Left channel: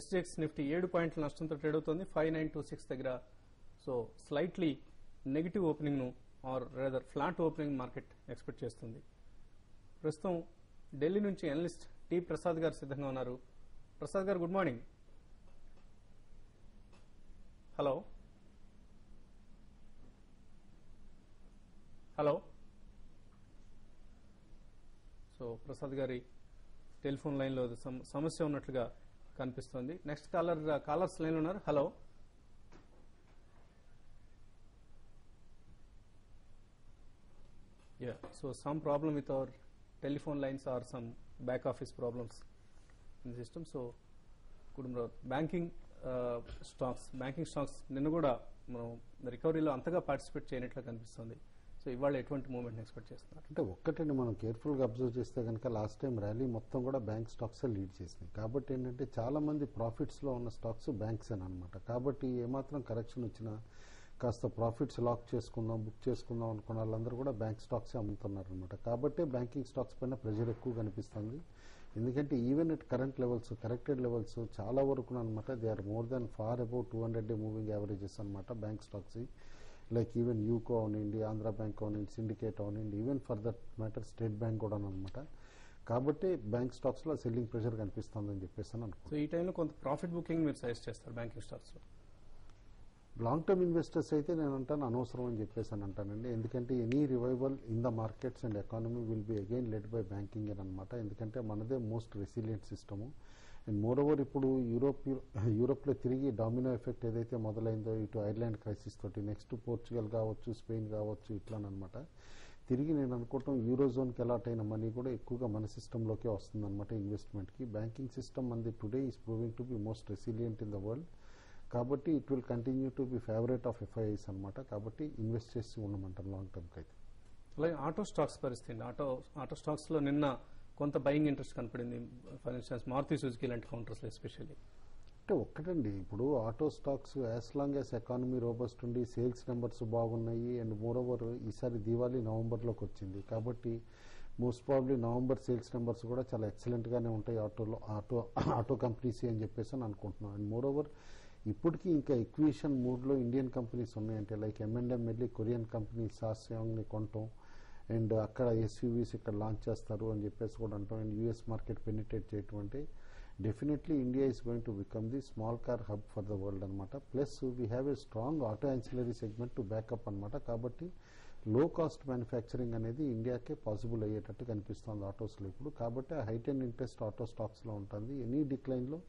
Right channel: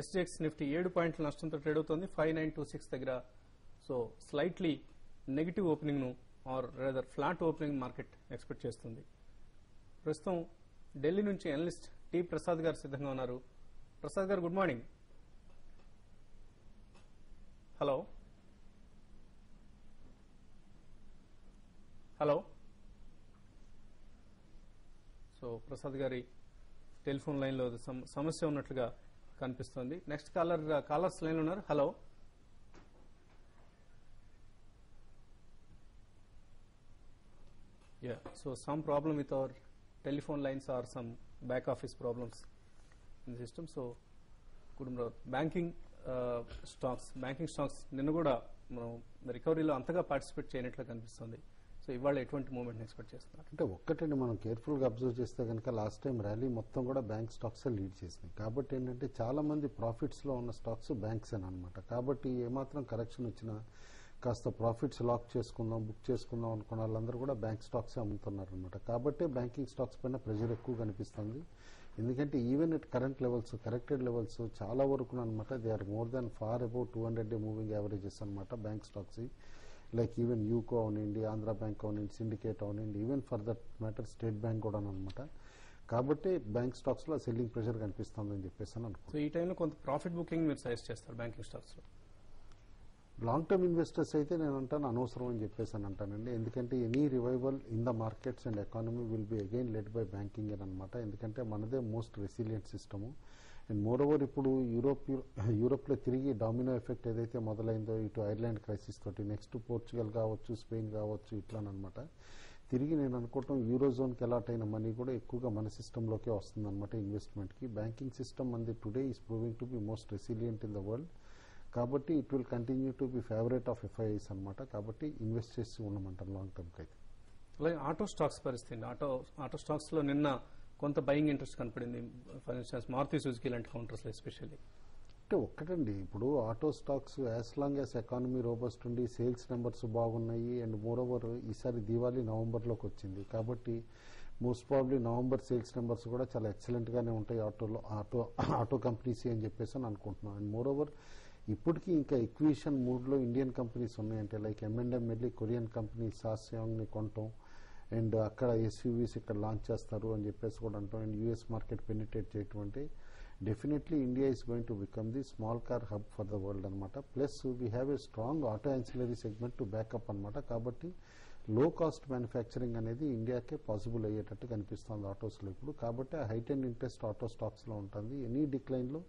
SGX Nifty 7 పాయింట్ల నష్టంతో trade అవుతోంది 5926 దగ్గర. సో స్లైట్లీ నెగిటివ్ ఓపెనింగ్ ను are rather flat opening market expect చేస్తుంది. ప్రస్తుతం ఢిల్లీ నుంచి అనలిస్ట్ టి ప్రసాద్ గారు సిద్ధంగా ఉన్నారు. Prasad garu good morning. Hello hello. So Prasad గారి టెలిఫోన్ లైన్ లో సమస్య ఉన్నట్లుగా కనిపిస్తుంది. నెక్స్ట్ కాలర్స్ లైన్ ఉన్నారు. Hello. So some problem with our telephone lines or some back office problems in the system. So banking stocks నిన్న కూడా రికవరీలో అంతగా పార్టిసిపేట్ చేయనట్లు కనిపిస్తుంది. సో ఇవాళ ఎటువంటి మూవ్మెంట్ ఎక్స్పెక్ట్ చేస్తున్నారు? అంటే ఒక్కటండి, మనం కేర్ఫుల్ గా అబ్జర్వ్ చేస్తే కనుక లాస్ట్ టైం ర్యాలీ మొత్తం కూడా బ్యాంక్ స్టాక్స్ లీడ్ చేసినాయి. కాబట్టి ఏంటంటే చాలా మంది ప్రాఫిట్స్ లో ఉన్న స్టాక్స్ బ్యాంక్స్ అనమాట. కాబట్టి ఏమాత్రం కరెక్షన్ వచ్చినా కాస్త ప్రాఫిట్స్ లాక్ చేసుకుందాం, బుక్ చేసుకుందాం అనుకున్న వాళ్ళందరూ కూడా బ్యాంక్ స్టాక్స్ అమ్ముతున్నారు అనమాట. కాబట్టి బ్యాంకింగ్ స్టాక్స్ పైన ప్రెషర్ ఎక్కువ కనిపిస్తుంది. ఎందుకంటే even at current levels, corrected levels చాలా వరకు అనమాట they are more than far about 200 moving averages అనమాట bank stocks. Like even UCO అవనండి, ఆంధ్ర బ్యాంక్ అవనండి, సిండికేట్ అవనండి, even for that matter State Bank కూడా అనమాట. కాబట్టి బ్యాంక్ స్టాక్స్ లో సెల్లింగ్ ప్రెషర్ కనిపిస్తుందని చెప్పేసి అనుకుంటున్నాను. ఈ టైంలో కొంత ప్రాఫిట్ బుకింగ్ మీరు సజెస్ట్ చేస్తారు బ్యాంకింగ్ స్టాక్స్ లో? లాంగ్ టర్మ్ ఇన్వెస్టర్స్ అయితే నేను అంటాను అనవసరం అని చెప్పేసి అని అంటానండి. ఎందుకంటే any revival in the markets and economy will be again led by banking అని అనమాట. ఎందుకంటే మనదే most resilient system. And more over ఇప్పుడు యూరోప్ లో తిరిగి డామినో ఎఫెక్ట్ ఏదైతే మొదలైందో ఇటు ఐర్లాండ్ క్రైసిస్ తోటి, నెక్స్ట్ పోర్చుగల్ కావచ్చు, స్పెయిన్ కావచ్చు, ఇట్లానమాట తిరిగి నేను అనుకోవటం యూరోజోన్ కి అలాట్ అయిన మనీ కూడా ఎక్కువగా మన సిస్టమ్ లోకే వస్తుంది అనమాట ఇన్వెస్ట్మెంట్ కి. బ్యాంకింగ్ సిస్టమ్ అంది today is proving to be most resilient in the world. కాబట్టి it will continue to be favourite of FIIs అనమాట. కాబట్టి ఇన్వెస్ట్ చేసి ఉండమంటారు లాంగ్ టర్మ్ కి అయితే. అలాగే ఆటో స్టాక్స్ పరిస్థితి, ఆటో స్టాక్స్ లో నిన్న కొంత బయింగ్ ఇంట్రెస్ట్ కనపడింది. ఫర్ ఇన్స్టెన్స్ మారుతి సుజుకి లాంటి కౌంటర్స్ ఎస్పెషల్లీ. అంటే ఒక్కటండి, ఇప్పుడు auto stocks as long as economy robust ఉండి సేల్స్ నెంబర్స్ బాగున్నాయి అండ్ మోర్ ఓవర్ ఈసారి దివాళీ నవంబర్ లోకి వచ్చింది. కాబట్టి most probably November sales numbers కూడా చాలా ఎక్సలెంట్ గానే ఉంటాయి ఆటో కంపెనీస్ అని చెప్పేసి అని అనుకుంటున్నాను. అండ్ మోర్ ఓవర్ ఇప్పటికీ ఇంకా ఎక్విజిషన్ మూడ్ లో ఇండియన్ కంపెనీస్ ఉన్నాయంటే లైక్ M&M వెళ్ళి కొరియన్ కంపెనీ సాస్యాంగ్ ని కొనటం అండ్ అక్కడ ఎస్యూవీస్ ఇక్కడ లాంచ్ చేస్తారు అని చెప్పేసి కూడా అంటాం. అండ్ యూఎస్ మార్కెట్ పెనిట్రేట్ చేయటం అంటే definitely India is going to become the small car hub for the world అనమాట. Plus we have a strong auto ancillary segment to back up అనమాట. కాబట్టి లో కాస్ట్ మ్యానుఫ్యాక్చరింగ్ అనేది ఇండియాకే పాసిబుల్ అయ్యేటట్టు కనిపిస్తుంది ఆటోస్ లో ఇప్పుడు. కాబట్టి height and interest auto stocks లో ఉంటుంది. ఎనీ డిక్లైన్ లో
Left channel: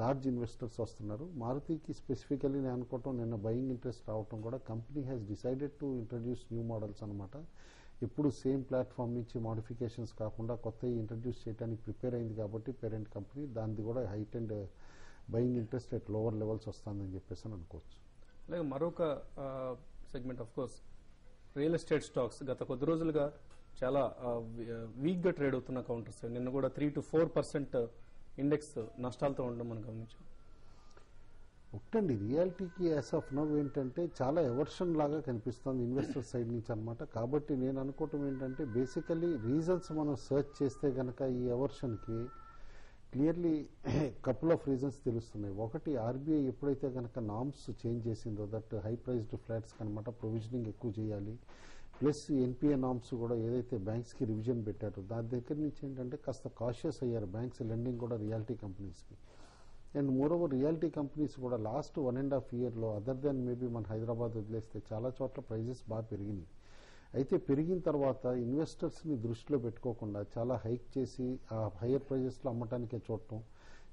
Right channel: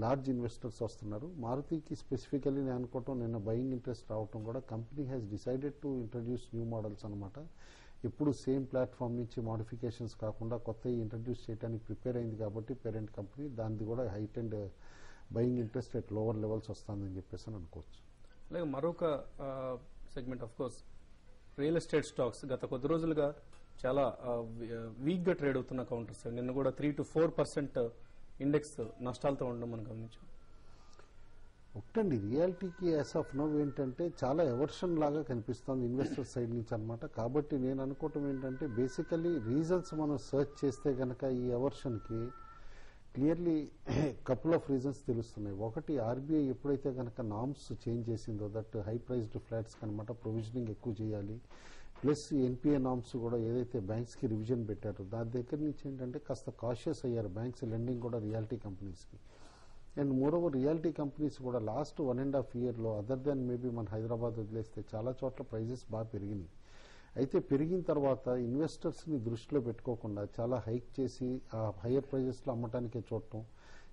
లార్జ్ ఇన్వెస్టర్స్ వస్తున్నారు. మారుతికి స్పెసిఫికలీ నేను అనుకోవటం నిన్న బయింగ్ ఇంట్రెస్ట్ రావటం కూడా company has decided to introduce new models అనమాట. ఎప్పుడు సేమ్ ప్లాట్ఫామ్ నుంచి మోడిఫికేషన్స్ కాకుండా కొత్త ఇంట్రడ్యూస్ చేయడానికి ప్రిపేర్ అయింది. కాబట్టి పేరెంట్ కంపెనీ దాన్ని కూడా height and buying interest at lower levels వస్తుందని చెప్పేసి అనుకోవచ్చు. అలాగే మరొక segment of course real estate stocks గత కొద్ది రోజులుగా చాలా వీక్ గా ట్రేడ్ అవుతున్న కౌంటర్స్. నిన్న కూడా 3 to 4% ఇండెక్స్ నష్టాలతో ఉండడం మనం గమనించాం. ఒకటండి, రియాలిటీకి యాజ్ ఆఫ్ నో ఏంటంటే చాలా ఎవర్షన్ లాగా కనిపిస్తుంది ఇన్వెస్టర్ సైడ్ నుంచి అనమాట. కాబట్టి నేను అనుకోవటం ఏంటంటే బేసికలీ రీజన్స్ మనం సర్చ్ చేస్తే గనక ఈ ఎవర్షన్ కి క్లియర్లీ కపుల్ ఆఫ్ రీజన్స్ తెలుస్తున్నాయి. ఒకటి, ఆర్బీఐ ఎప్పుడైతే గనక నామ్స్ చేంజ్ చేసిందో దట్ హై ప్రైస్డ్ ఫ్లాట్స్ కనమాట ప్రొవిజనింగ్ ఎక్కువ చేయాలి, ప్లస్ ఎన్పిఏ నామ్స్ కూడా ఏదైతే బ్యాంక్స్ కి రివిజన్ పెట్టారో దాని దగ్గర నుంచి ఏంటంటే కాస్త కాషియస్ అయ్యారు బ్యాంక్స్ లెండింగ్ కూడా రియాలిటీ కంపెనీస్ కి. And more over reality companies కూడా లాస్ట్ 1.5 year లో అదర్ దాన్ మేబీ మన హైదరాబాద్ వదిలేస్తే చాలా చోట్ల ప్రైజెస్ బాగా పెరిగింది. అయితే పెరిగిన తర్వాత ఇన్వెస్టర్స్ ని దృష్టిలో పెట్టుకోకుండా చాలా హైక్ చేసి ఆ హైయర్ ప్రైజెస్ లో అమ్మటానికే చూడటం,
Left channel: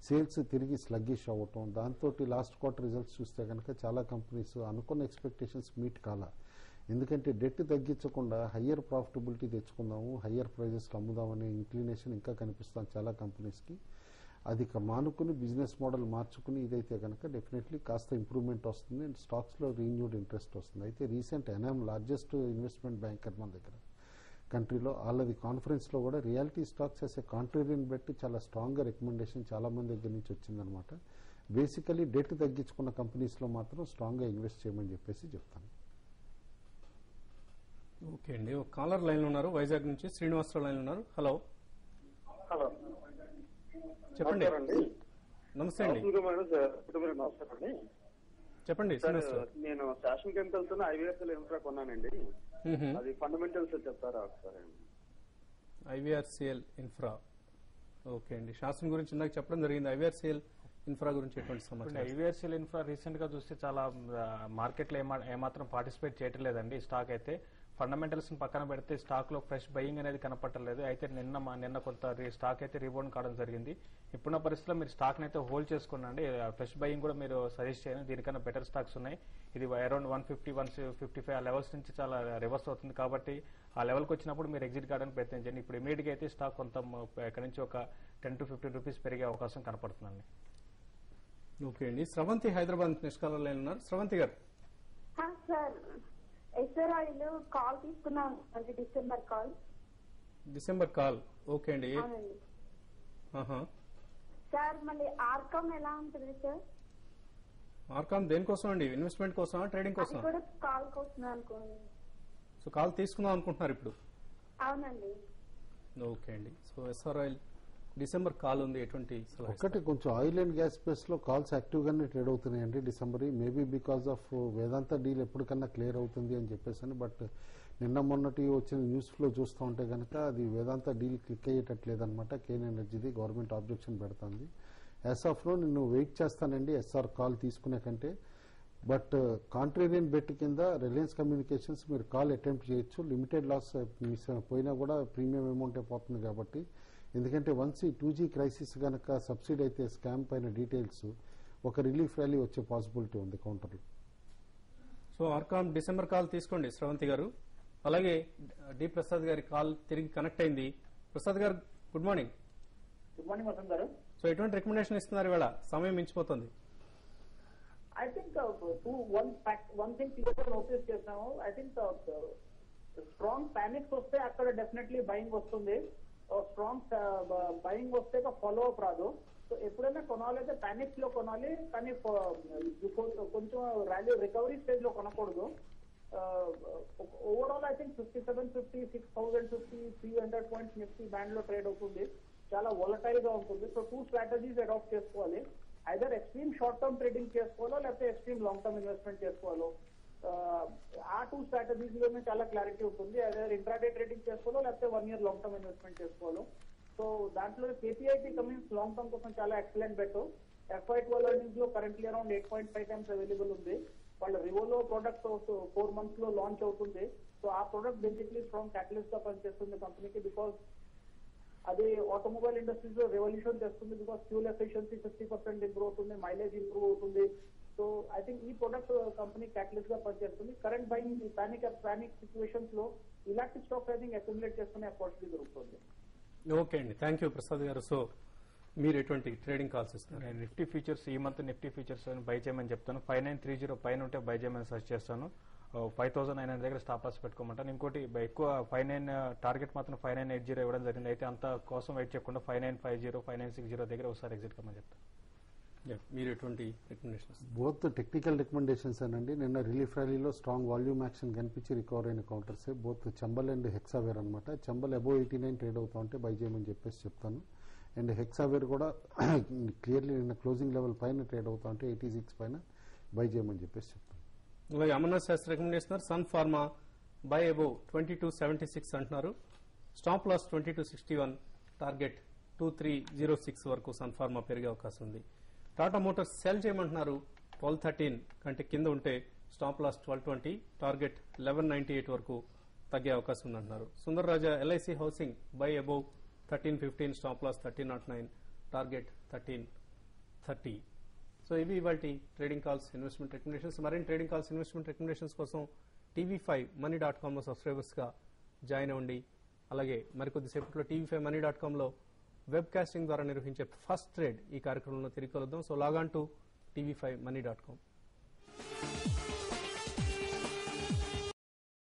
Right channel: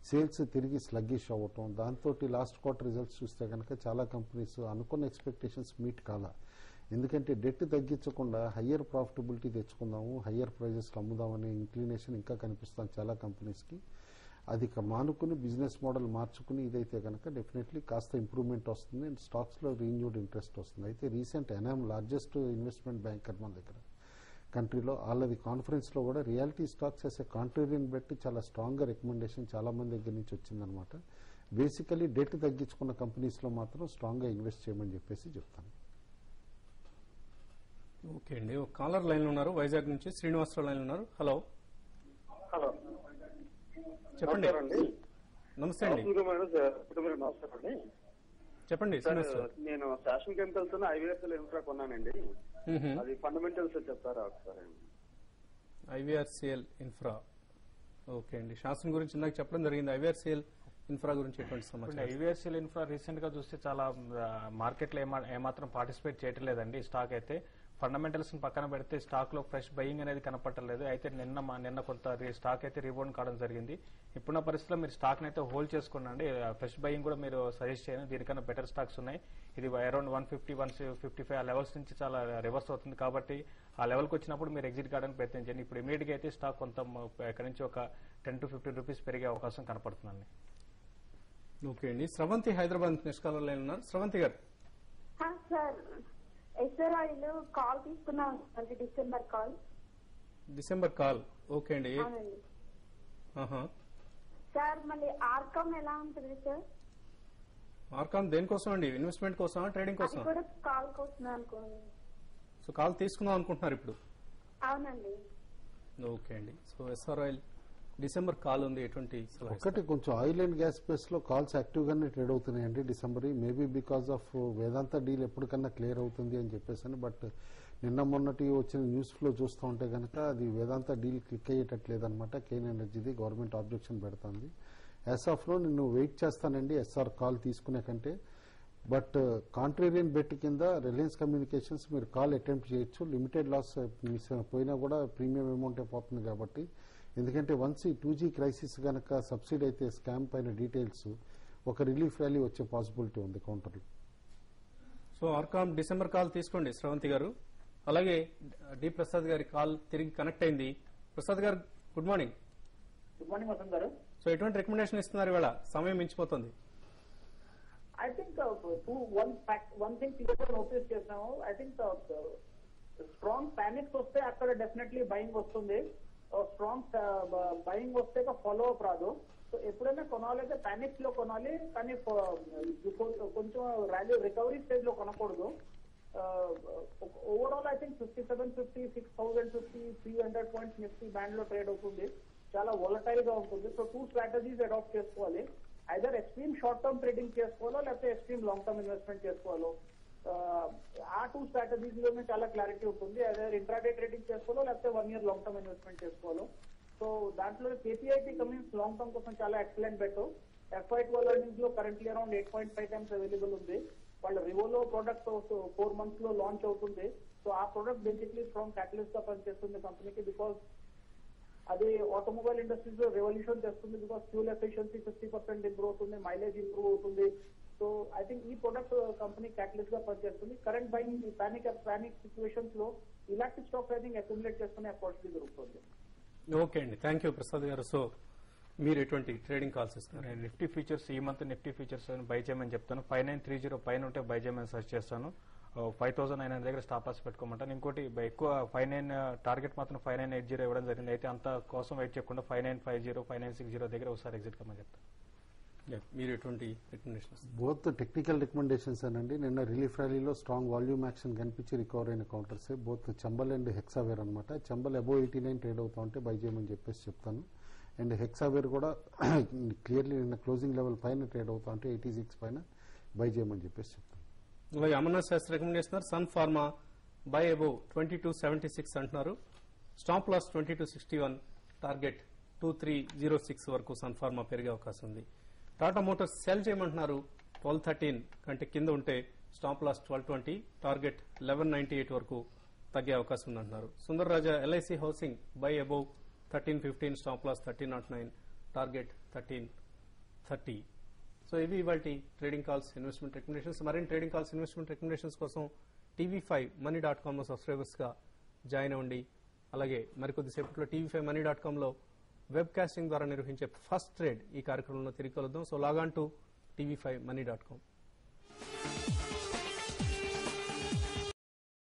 సేల్స్ తిరిగి స్లగ్గిష్ అవ్వటం, దాంతో లాస్ట్ క్వార్టర్ రిజల్ట్స్ చూస్తే కనుక చాలా కంపెనీస్ అనుకున్న ఎక్స్పెక్టేషన్స్ మీట్ కాల. ఎందుకంటే డెట్ తగ్గించకుండా హయ్యర్ ప్రాఫిటబిలిటీ తెచ్చుకుందాము, హయ్యర్ ప్రైజెస్ అమ్ముదామనే ఇంక్లినేషన్ ఇంకా కనిపిస్తుంది చాలా కంపెనీస్ కి. అది మానుకుని బిజినెస్ మోడల్ మార్చుకుని ఇదైతే కనుక డెఫినెట్లీ కాస్త ఇంప్రూవ్మెంట్ వస్తుంది అండ్ స్టాక్స్ లో రీన్యూడ్ ఇంట్రెస్ట్ వస్తుంది. అయితే రీసెంట్ ఎనామ్ లార్జెస్ట్ ఇన్వెస్ట్మెంట్ బ్యాంకర్ మన దగ్గర కంట్రీలో వాళ్ళది కాన్ఫరెన్స్ లో కూడా రియాలిటీ స్టాక్స్ చేసే కాంట్రేరియన్ బట్టి చాలా స్ట్రాంగ్ గా రికమెండేషన్ చాలా మంది దగ్గర నుంచి వచ్చిందనమాట. బేసికలీ డెట్ తగ్గించుకున్న కంపెనీస్ లో మాత్రం స్ట్రాంగ్ గా ఇన్వెస్ట్ చేయమని చెప్పేసి చెప్తాను. ఓకే అండి, ఒక కాలర్ లైన్ ఉన్నారు వైజాగ్ నుంచి, శ్రీనివాసరావు లైన్ ఉన్నారు. హలో హలో చెప్పండి. నమస్తే అండి, నమస్కారం అండి. చెప్పండి. సార్ నేను ఫ్యాషన్ కెమికల్స్ ఐవీఎస్ఎల్ ఇన్ఫ్రా కొన్నానండి. అది ఫండమెంటల్స్ చెప్తారా సార్? ఐవీఆర్సీఎల్ ఇన్ఫ్రా, ఓకే అండి. శాసనం గురించి ఇందాక చెప్పడం జరిగింది. ఐవీఆర్సీఎల్ ఇన్ఫ్రా గురించి ఎటువంటి సమాచారం? ఐవీఆర్సీఎల్ ఇన్ఫ్రా రీసెంట్ గా చూస్తే చాలా మార్కెట్ లో ఏమాత్రం పార్టిసిపేట్ చేయడం లేదండి. స్టాక్ అయితే ఫండమెంటల్స్ పక్కన పెడితే స్టాక్ లో ఫ్రెష్ బయింగ్ అనేది కనపడలేదు. అయితే నిన్న కొంత స్టాక్ అయితే రిబౌండ్ కావడం జరిగింది. ఇప్పుడున్న పరిస్థితిలో మీరు స్టాక్ అయితే హోల్డ్ చేసుకోనండి. ఫ్రెష్ బయింగ్ కూడా మీరు సజెస్ట్ చేయండి. దీనికన్నా బెటర్ స్టాక్స్ ఉన్నాయి. ఇది అరౌండ్ 150-155 ఆ లెవెల్స్ నుంచి చాలా రివర్స్ అవుతుంది కాబట్టి ఆ లెవెల్కి వచ్చినప్పుడు మీరు ఎగ్జిట్ కావడానికి ప్రయత్నం చేయండి. ఇప్పుడు ఇమీడియట్ గా అయితే స్టాక్ కొంత ఎక్కడి నుంచి ఒక 10 to 15 రూపీస్ పెరిగే అవకాశం కనపడుతుందండి. ఓకే అండి. స్రవంతి హైదరాబాద్ నిష్కాలం లైన్ ఉన్నారు. స్రవంతి గారు. సార్ ఎస్ఆర్ఐ కాల్ తీసుకున్నాను, డిసెంబర్ కాల్, ఓకే అండి. సార్ మళ్ళీ ఆర్కామ్ ఎలా ఉంటుంది సార్? ఆర్కామ్ దేనికోసం అండి? ఇన్వెస్ట్మెంట్ కోసమా, ట్రేడింగ్ కోసం? కాల్ కోసం అనుకోండి. సో కాల్ తీసుకుందాం అనుకుంటున్నారు ఇప్పుడు? అవునండి. ఓకే అండి. సో ఎస్ఆర్ఐ డిసెంబర్ కాల్ ఉంది. ఎటువంటి ఒకటి కొంచెం ఆయిల్ అండ్ గ్యాస్ స్పేస్ లో కాల్స్ యాక్టివ్ గానే ట్రేడ్ అవుతున్నాయండి December. Maybe because of Vedanta deal ఎప్పటికన్నా క్లియర్ అవుతుంది అని చెప్పేసి. బట్ నిన్న మొన్నటి వచ్చిన న్యూస్ ఫ్లో చూస్తూ ఉంటే కనుక అది వేదాంత డీల్ క్లిక్ అయ్యేటట్లేదు అనమాట. కేన్ ఎనర్జీది గవర్నమెంట్ ఆబ్జెక్షన్ పెడుతుంది. యాజ్ ఆఫ్ లో నేను వెయిట్ చేస్తానండి ఎస్ఆర్ కాల్ తీసుకునే కంటే. బట్ కాంట్రేరియన్ బెట్ కింద రిలయన్స్ కమ్యూనికేషన్స్ మీరు కాల్ అటెంప్ట్ చేయొచ్చు. లిమిటెడ్ లాస్ పోయినా కూడా ప్రీమియం అమౌంట్ అయిపోతుంది కాబట్టి. ఎందుకంటే వన్స్ ఈ 2G క్రైసిస్ కనుక సబ్సిడీ అయితే స్కామ్ పైన డీటెయిల్స్ ఒక రిలీఫ్ ర్యాలీ వచ్చే పాసిబిలిటీ ఉంది counter. So RCom December call తీసుకోండి శ్రవంతి గారు. అలాగే డి ప్రసాద్ గారి కాల్ తిరిగి కనెక్ట్ అయింది. Prasad garu good morning. Good morning Vasant garu. So ఎటువంటి రికమెండేషన్ ఇస్తున్నారు ఇవాళ? సమయం మించిపోతుంది. I think one thing clear notice చేశాను. ఐ థింక్ స్ట్రాంగ్ పానిక్ వస్తే అక్కడ డెఫినెట్లీ బయింగ్ వస్తుంది. స్ట్రాంగ్ బయింగ్ వస్తే ఫాలో అప్ రాదు. సో ఎప్పుడైనా కొనాలైతే పానిక్స్ లో కొనాలి, కానీ కొంచెం ర్యాలీ రికవరీ స్టేజ్ లో కొనకూడదు. Overall I think 5750, 6050, 300 points Nifty band లో ట్రేడ్ అవుతుంది. చాలా వొలటైల్ గా ఉంటుంది. సో 2 స్ట్రాటజీస్ అడాప్ట్ చేసుకోవాలి. Either extreme short term trading చేసుకోవాలో, లేకపోతే ఎక్స్ట్రీమ్ లాంగ్ టర్మ్ ఇన్వెస్ట్మెంట్ చేసుకోవాలో. ఆ 2 స్ట్రాటజీస్ లోనే చాలా క్లారిటీ ఉంటుంది. ఐదర్ ఇంట్రాడే ట్రేడింగ్ చేసుకోవాలో, లేకపోతే 1 year లాంగ్ టర్మ్ ఇన్వెస్ట్మెంట్ చేసుకోవాలో. సో దాంట్లో కేపీఐటీ కమిన్స్ లాంగ్ టర్మ్ కోసం చాలా ఎక్సలెంట్ బెట్. FY12 ఎర్నింగ్స్ లో కరెంట్లీ అరౌండ్ 8.5 times అవైలబుల్ ఉంది. వాళ్ళ రివోలో ప్రోడక్ట్ 4 months లో లాంచ్ అవుతుంది. సో ఆ ప్రోడక్ట్ బేసిక్లీ స్ట్రాంగ్ క్యాటలిస్ట్ గా పనిచేస్తుంది కంపెనీకి. బికాస్ అది ఆటోమొబైల్ ఇండస్ట్రీస్ లో రెవల్యూషన్ చేస్తుంది. బికాస్ ఫ్యూల్ ఎఫిషియన్సీ 50% ఇంప్రూవ్ అవుతుంది, మైలేజ్ ఇంప్రూవ్ అవుతుంది. సో ఐ థింక్ ఈ ప్రొడక్ట్ కంపెనీ క్యాటలిస్ట్ గా పనిచేస్తుంది. కరెంట్ బయింగ్ పానిక్ సిచ్యువేషన్స్ లో ఇలాంటి స్టాక్ ఐ థింక్ అక్యుములేట్ చేసుకునే ఆపర్చునిటీ దొరుకుతుంది. ఓకే అండి, థ్యాంక్ యూ ప్రసాద్ గారు. సో మీరు ఎటువంటి ట్రేడింగ్ కాల్స్ ఇస్తున్నారు? నిఫ్టీ ఫీచర్స్ ఈ మంత్ నిఫ్టీ ఫీచర్స్ బై చేయమని చెప్తాను. 5930 పైన ఉంటే బై చేయమని సజెస్ట్ చేస్తాను. 5900 దగ్గర స్టాప్ లాస్ పెట్టుకోమంటాను. ఇంకోటి ఎక్కువ 59 టార్గెట్ మాత్రం 5980 ఇవ్వడం జరిగింది. అయితే అంత కోసం వెయిట్ చేయకుండా 5950, 5960 దగ్గర ఒకసారి ఎగ్జిట్ కమని చెప్తాను. మీరు ఎటువంటి రికమెండేషన్స్? బోత్ టెక్నికల్ రికమెండేషన్స్ అండి. నిన్న రిలీఫ్ ర్యాలీలో స్ట్రాంగ్ వాల్యూమ్ యాక్షన్ కనిపించి రికవర్ అయిన counters both Chambal and Hexaware అనమాట. చంబల్ అబోవ్ 89 ట్రేడ్ అవుతా ఉంటే బై చేయమని చెప్పేసి చెప్తాను. అండ్ హెక్సావేర్ కూడా క్లియర్లీ నిన్న క్లోజింగ్ లెవెల్ పైన ట్రేడ్ అవుతా ఉంటే 86 పైన బై చేయమని చెప్పేసి చెప్తాను. అలాగే Amarnath Shastri recommendation Sun Pharma buy above 2276 అంటున్నారు. స్టాప్ లాస్ 2261, టార్గెట్ 2306 వరకు సన్ ఫార్మా పెరిగే అవకాశం ఉంది. టాటా మోటార్స్ సెల్ చేయమంటున్నారు. 1213 కంటే కింద ఉంటే స్టాప్ లాస్ 1220, టార్గెట్ 1198 వరకు తగ్గే అవకాశం ఉందంటున్నారు. Sundar Raja LIC housing buy above 1315, stop loss 1309, target 1330. So ఇవి ఇవాటి ట్రేడింగ్ కాల్స్, ఇన్వెస్ట్మెంట్ రికమెండేషన్స్. మరిన్ని ట్రేడింగ్ కాల్స్, ఇన్వెస్ట్మెంట్ రికమెండేషన్స్ కోసం tv5money.com లో సబ్స్క్రైబర్స్ గా జాయిన్ అవ్వండి. అలాగే మరికొద్దిసేపట్లో tv5money.com లో వెబ్ కాస్టింగ్ ద్వారా నిర్వహించే ఫస్ట్ ట్రేడ్ ఈ కార్యక్రమంలో తిరిగి కలుద్దాం. So log on to tv5money.com.